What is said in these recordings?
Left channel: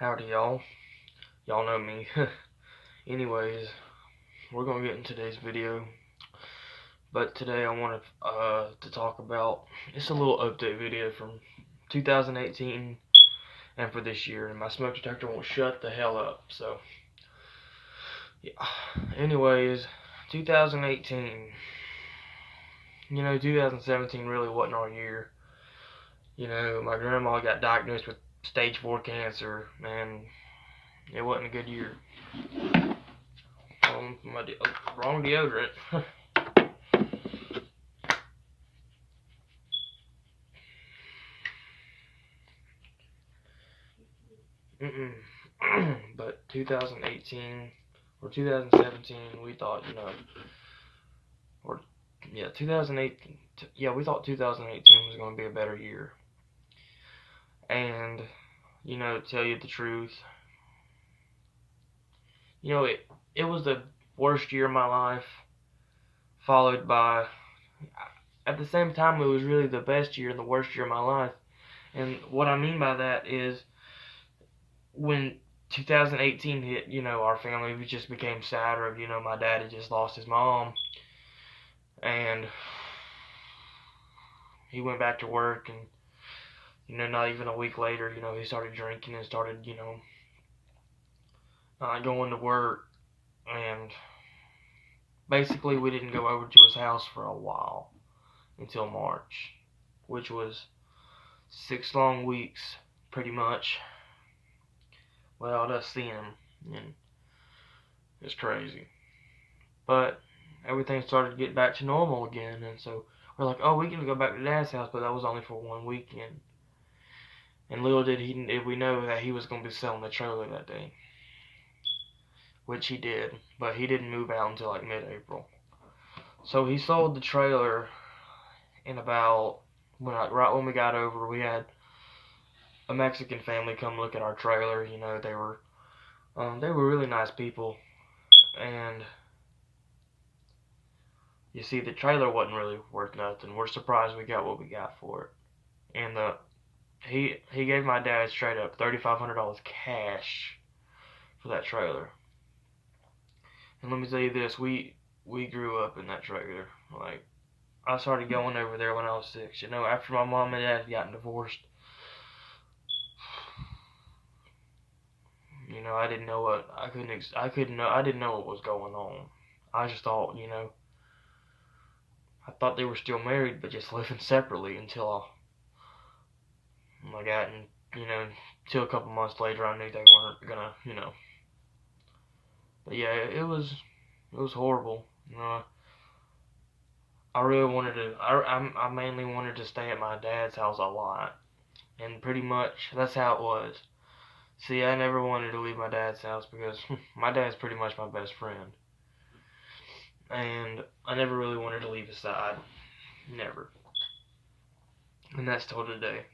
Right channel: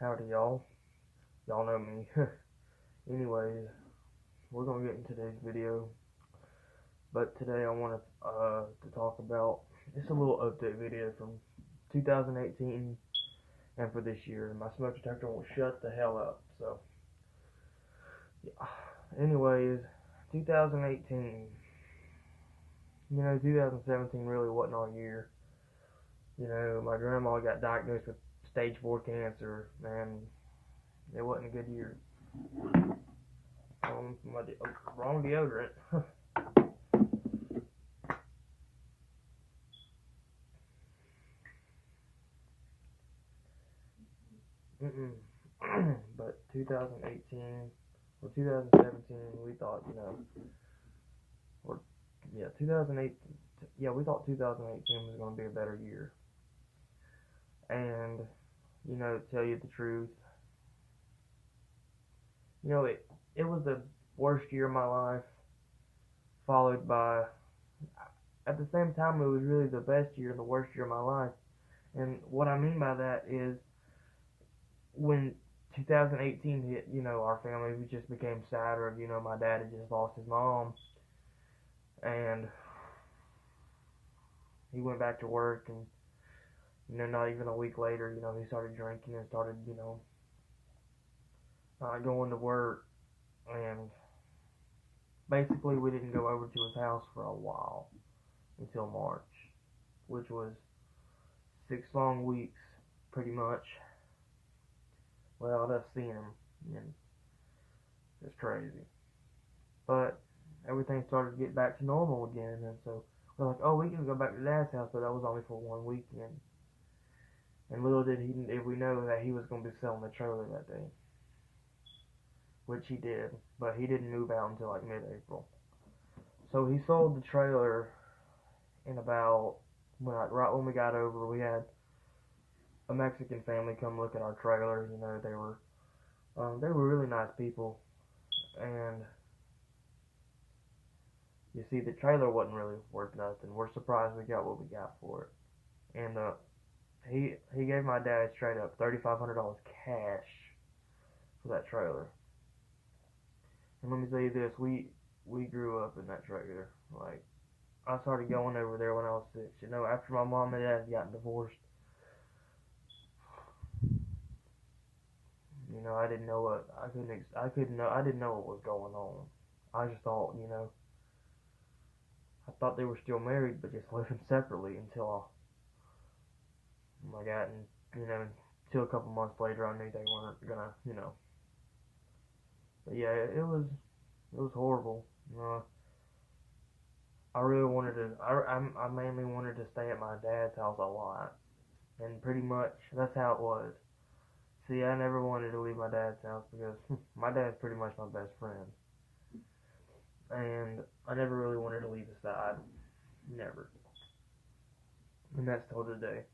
Howdy, y'all. Y'all know me. Anyways, we're gonna get in today's video. But today I want to talk about it's a little update video from 2018 and for this year. And my smoke detector won't shut the hell up. So, yeah. Anyways, 2018. 2017 really wasn't our year. My grandma got diagnosed with stage 4 cancer, and it wasn't a good year. Wrong deodorant. But 2018 or 2017, we thought, or yeah, 2018, we thought 2018 was going to be a better year. And, to tell you the truth, it was the worst year of my life, followed by, at the same time, it was really the best year and the worst year of my life. And what I mean by that is, when 2018 hit, our family just became sadder. My dad had just lost his mom, and he went back to work, and not even a week later, he started drinking and started, not going to work, and basically we didn't go over to his house for a while until March, which was 6 long weeks, pretty much, without us seeing him, and it's crazy. But everything started to get back to normal again, and so we're like, oh, we can go back to Dad's house, but that was only for one weekend. And little did we know that he was going to be selling the trailer that day, which he did, but he didn't move out until like mid-April. So he sold the trailer in about right when we got over. We had a Mexican family come look at our trailer. They were really nice people, and you see, the trailer wasn't really worth nothing. We're surprised we got what we got for it. And he gave my dad straight up $3,500 cash for that trailer. And let me tell you this, we grew up in that trailer. Like, I started going over there when I was 6. After my mom and dad had gotten divorced. I didn't know what I didn't know what was going on. I just thought, I thought they were still married but just living separately until I got in, till a couple months later I knew they weren't gonna. But yeah, it was horrible. I really wanted to. I mainly wanted to stay at my dad's house a lot, and pretty much that's how it was. See, I never wanted to leave my dad's house because my dad's pretty much my best friend, and I never really wanted to leave his side, never. And that's till today.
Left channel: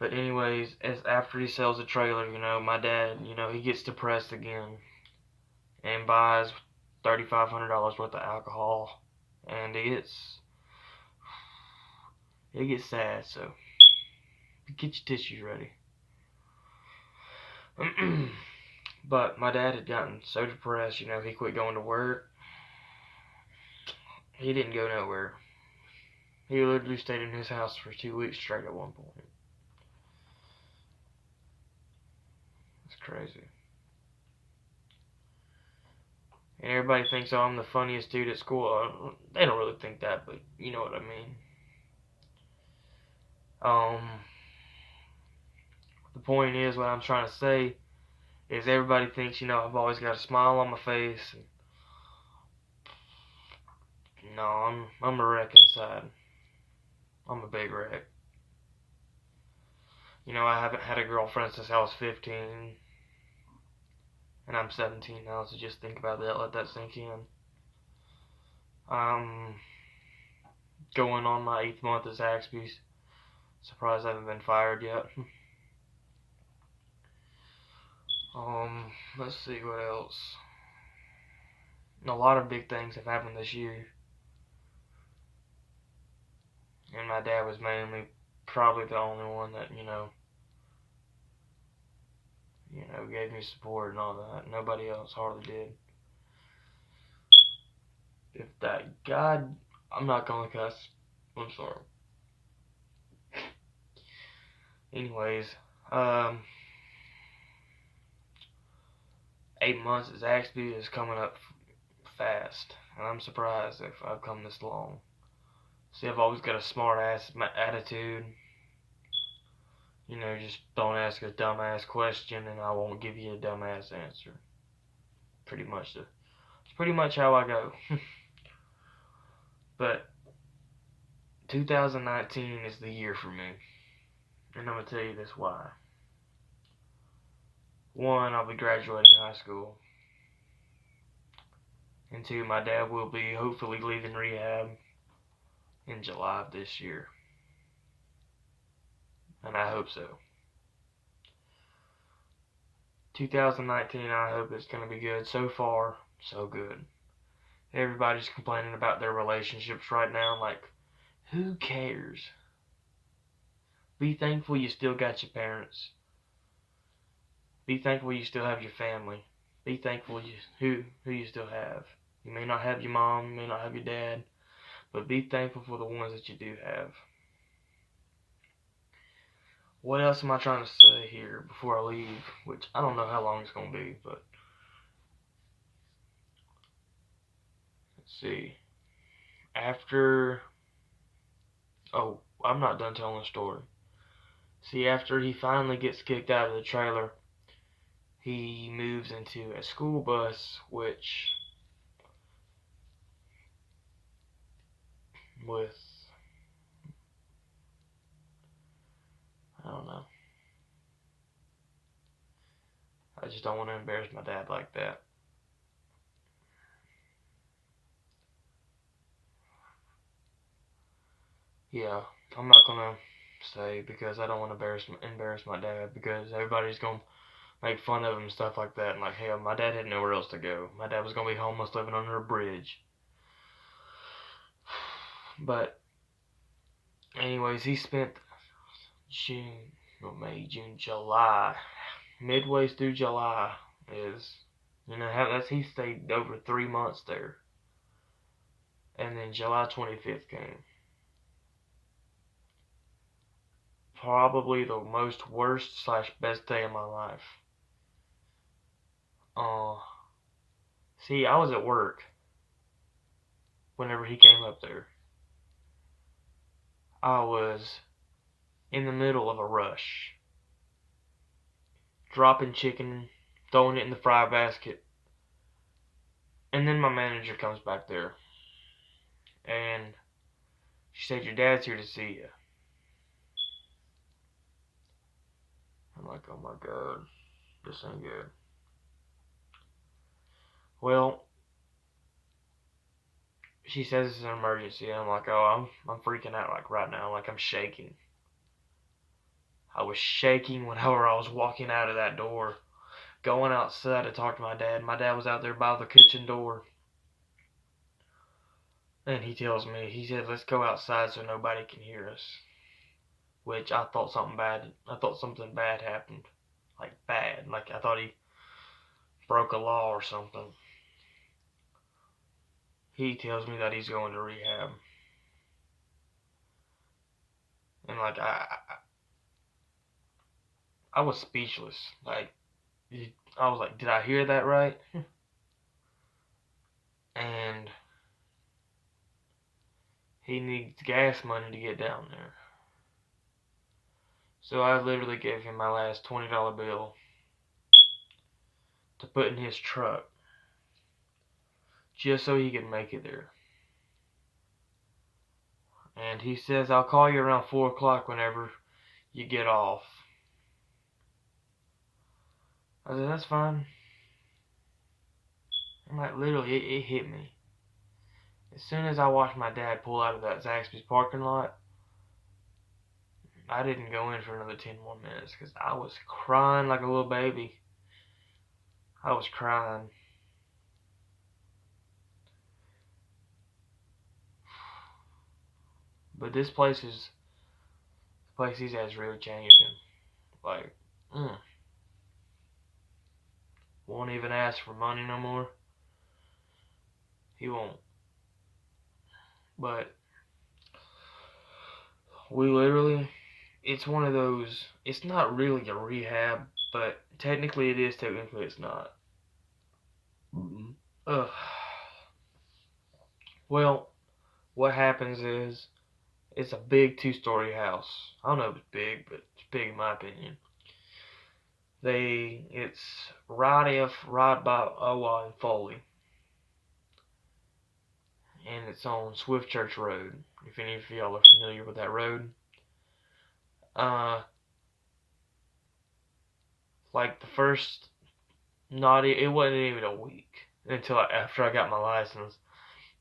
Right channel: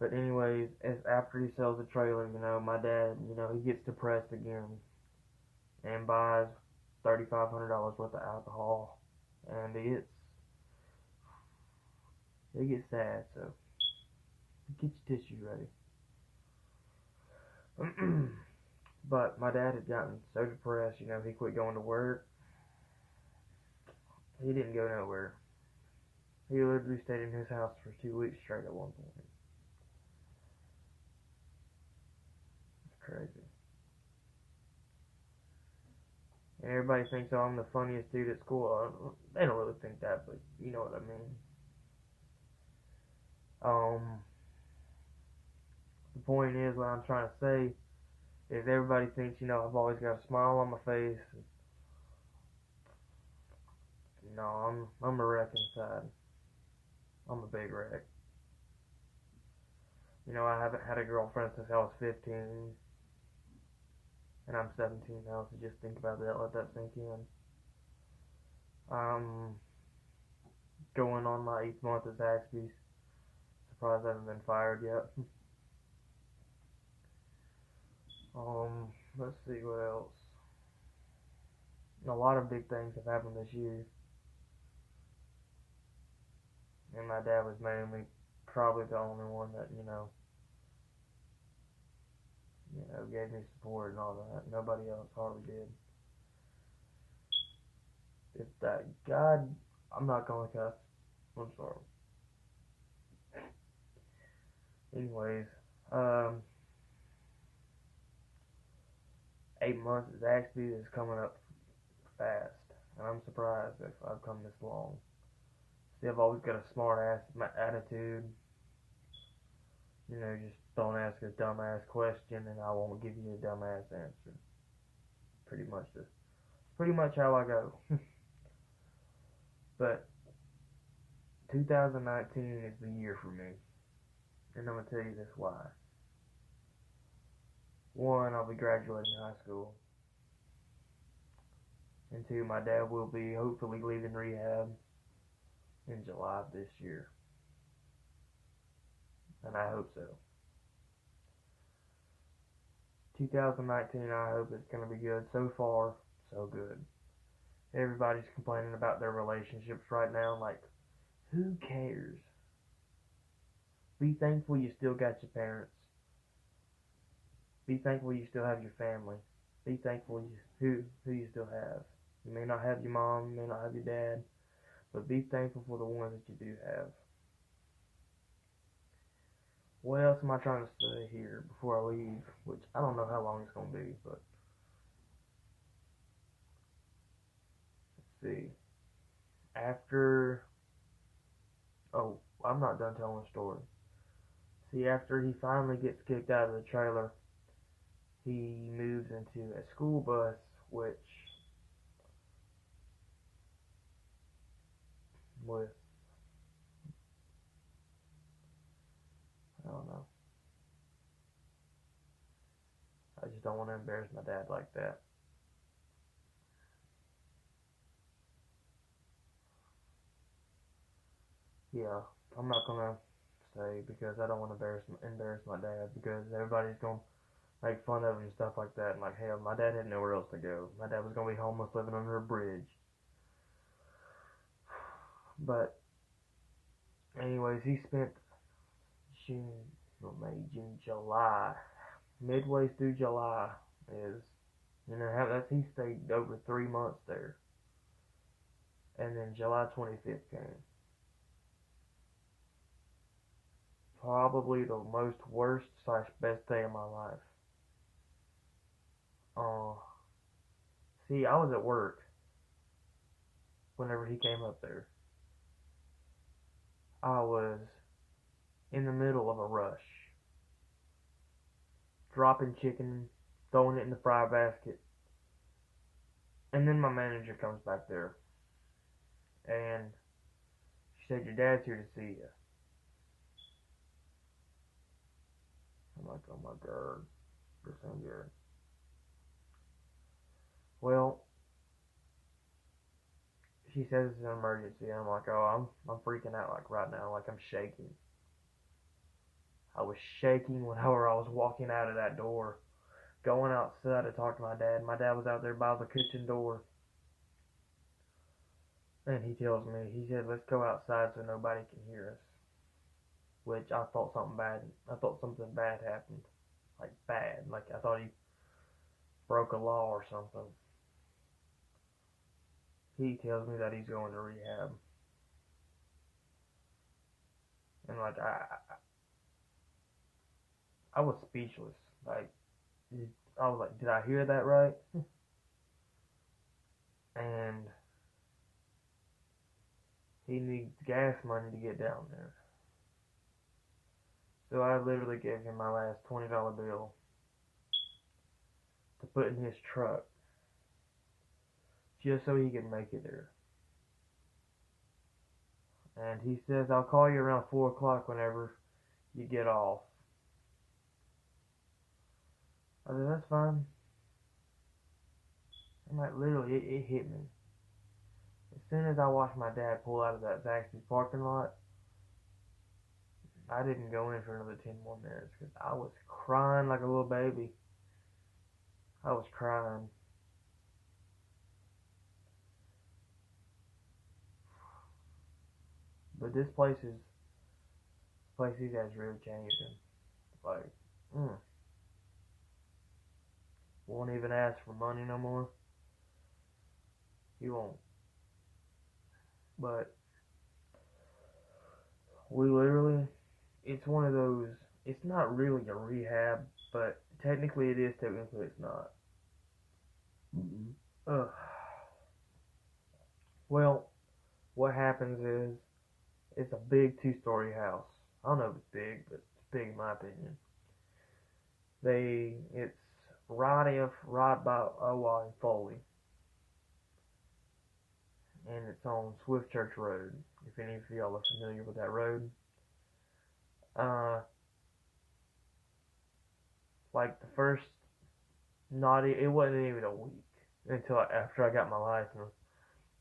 But anyways, as after he sells the trailer, my dad, he gets depressed again, and buys $3,500 worth of alcohol, and it gets sad. So get your tissues ready. But my dad had gotten so depressed, he quit going to work. He didn't go nowhere. He literally stayed in his house for 2 weeks straight at one point. It's crazy. And everybody thinks, oh, I'm the funniest dude at school. They don't really think that, but you know what I mean. The point is, what I'm trying to say is everybody thinks, I've always got a smile on my face. No, I'm a wreck inside. I'm a big wreck. I haven't had a girlfriend since I was 15, and I'm 17 now, so just think about that, let that sink in. I'm going on my 8th month at Zaxby's. Surprised I haven't been fired yet. Let's see what else. A lot of big things have happened this year. And my dad was mainly probably the only one that, gave me support and all that. Nobody else hardly did. If that God, I'm not gonna cuss. I'm sorry. Anyways, um, 8 months is coming up fast, and I'm surprised if I've come this long. See, I've always got a smart ass attitude. Just don't ask a dumbass question, and I won't give you a dumbass answer. It's pretty much how I go. But 2019 is the year for me, and I'm gonna tell you this why. One, I'll be graduating high school, and two, my dad will be hopefully leaving rehab in July of this year, and I hope so. 2019, I hope it's gonna be good. So far, so good. Everybody's complaining about their relationships right now. Like, who cares? Be thankful you still got your parents. Be thankful you still have your family. Be thankful who you still have. You may not have your mom, you may not have your dad, but be thankful for the ones that you do have. What else am I trying to say here before I leave? Which I don't know how long it's going to be, but let's see. Oh, I'm not done telling the story. See, after he finally gets kicked out of the trailer, he moves into a school bus, which with, I don't know. I just don't want to embarrass my dad like that. Yeah, I'm not gonna say because I don't want to embarrass my dad because everybody's gonna make fun of him and stuff like that. And like, hell, my dad had nowhere else to go. My dad was gonna be homeless, living under a bridge. But anyways, he spent May, June, July, midway through July is, he stayed over 3 months there, and then July 25th came. Probably the most worst / best day of my life. Uh, See, I was at work whenever he came up there. I was in the middle of a rush, dropping chicken, throwing it in the fry basket, and then my manager comes back there, and she said, "Your dad's here to see you." I'm like, "Oh my god, this ain't good." Well, she says it's an emergency, and I'm like, "Oh, I'm freaking out like right now, like I'm shaking." I was shaking whenever I was walking out of that door, going outside to talk to my dad. My dad was out there by the kitchen door. And he tells me, he said, "Let's go outside so nobody can hear us." Which I thought something bad happened. Like bad. Like I thought he broke a law or something. He tells me that he's going to rehab. And like I was speechless. Like I was like, did I hear that right? And he needs gas money to get down there. So I literally gave him my last $20 bill to put in his truck just so he could make it there. And he says, "I'll call you around 4 o'clock whenever you get off." I said, "That's fine." And like literally, it hit me. As soon as I watched my dad pull out of that Zaxby's parking lot, I didn't go in for another 10 more minutes because I was crying like a little baby. I was crying. But this place he's at is really changed him. Like, won't even ask for money no more. He won't. But we literally, it's one of those, it's not really a rehab, but technically it is, technically it's not. Ugh. Well, what happens is, it's a big 2-story house. I don't know if it's big, but it's big in my opinion. It's right by Owa and Foley. And it's on Swift Church Road, if any of y'all are familiar with that road. Like the first, it wasn't even a week until after I got my license.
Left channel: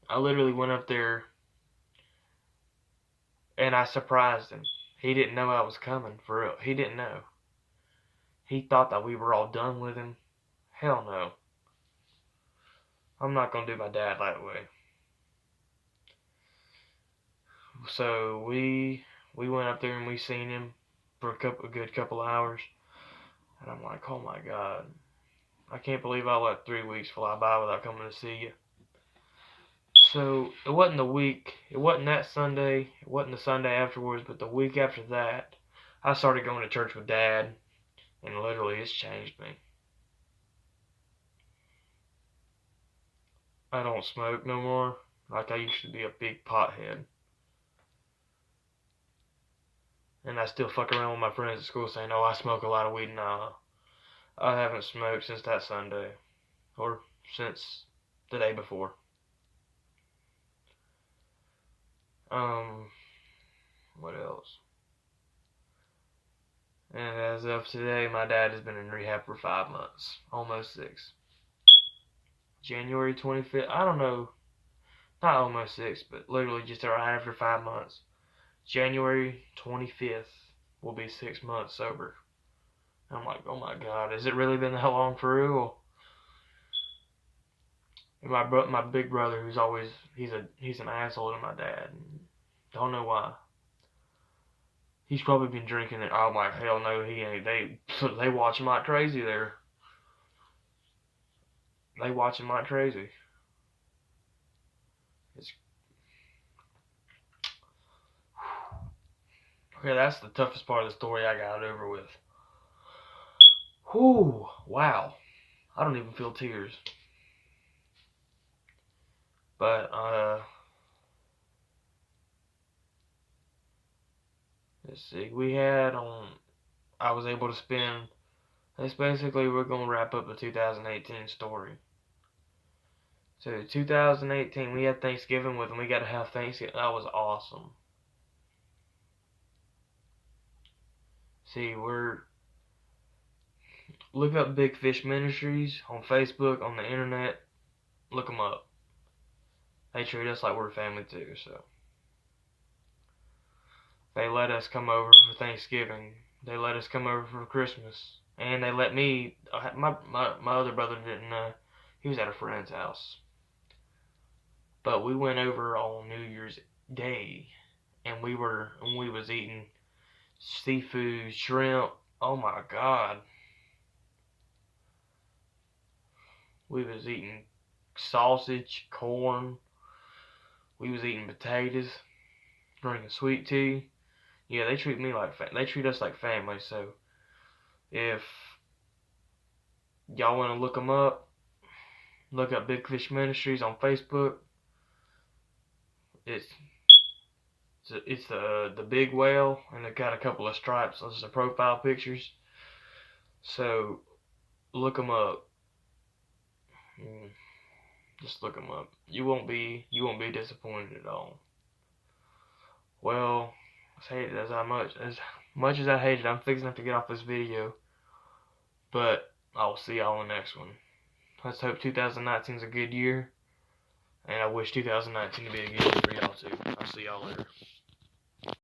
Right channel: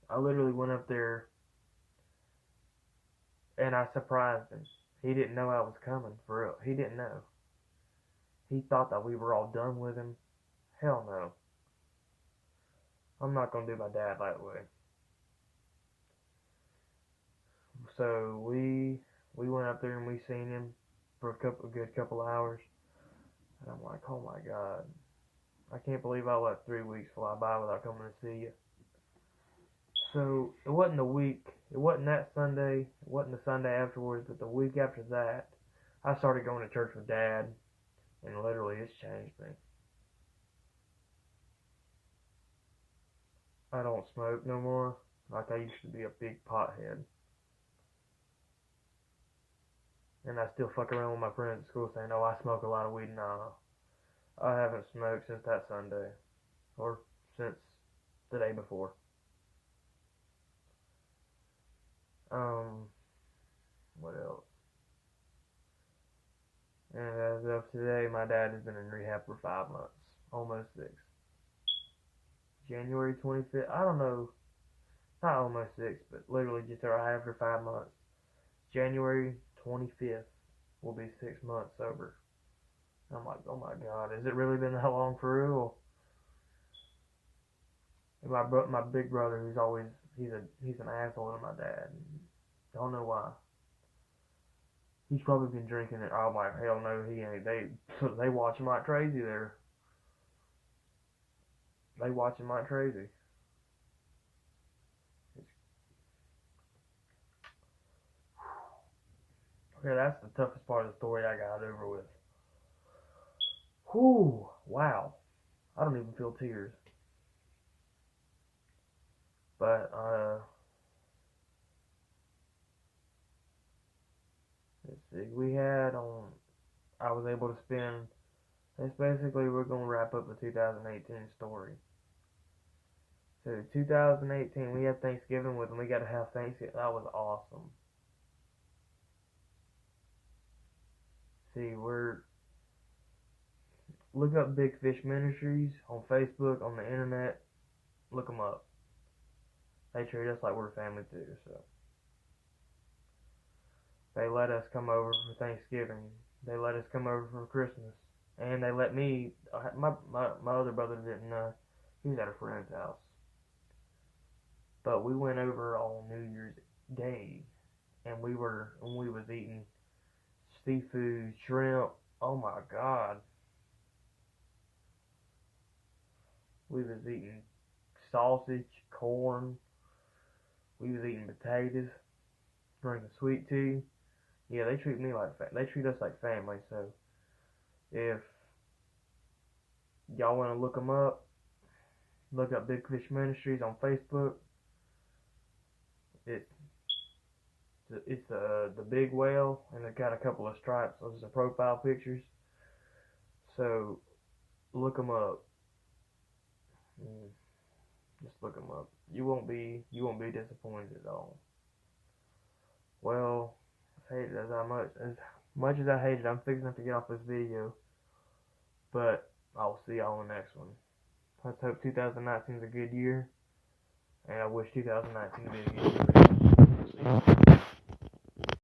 I literally went up there and I surprised him. He didn't know I was coming, for real. He didn't know. He thought that we were all done with him. Hell no. I'm not gonna do my dad that way. So we went up there and we seen him for a good couple hours. And I'm like, oh my God. I can't believe I let 3 weeks fly by without coming to see you. So it wasn't the week, it wasn't that Sunday, it wasn't the Sunday afterwards, but the week after that, I started going to church with Dad, and literally it's changed me. I don't smoke no more, like I used to be a big pothead. And I still fuck around with my friends at school saying, oh, I smoke a lot of weed. Nah, I haven't smoked since that Sunday, or since the day before. What else? And as of today, my dad has been in rehab for 5 months, almost 6. January 25th, I don't know, not almost 6, but literally just right after 5 months. January 25th will be 6 months sober. And I'm like, oh my God, has it really been that long for real? And my big brother, who's always, he's an asshole to my dad. Don't know why. He's probably been drinking it. I'm like, hell no, he ain't. They watch him like crazy there. They watch him like crazy. Okay, that's the toughest part of the story I got over with. Whew, wow. I don't even feel tears. But, let's see, I was able to spend, that's basically, we're going to wrap up the 2018 story. So 2018, we had Thanksgiving with them. We got to have Thanksgiving. That was awesome. See, look up Big Fish Ministries on Facebook, on the internet. Look them up. They treat us like we're family too, so. They let us come over for Thanksgiving. They let us come over for Christmas. And they let me, my other brother didn't know. He was at a friend's house. But we went over on New Year's Day, and we was eating seafood, shrimp. Oh my God. We was eating sausage, corn. We was eating potatoes, drinking sweet tea. Yeah, they treat us like family. So if y'all want to look them up, look up Big Fish Ministries on Facebook. It's the big whale, and they've got a couple of stripes. Those are the profile pictures. So look them up. Just look them up. You won't be disappointed at all. Well, as much as I hate it, I'm fixing to get off this video. But I'll see y'all in the next one. Let's hope 2019 is a good year. And I wish 2019 to be a good year for y'all too. I'll see y'all.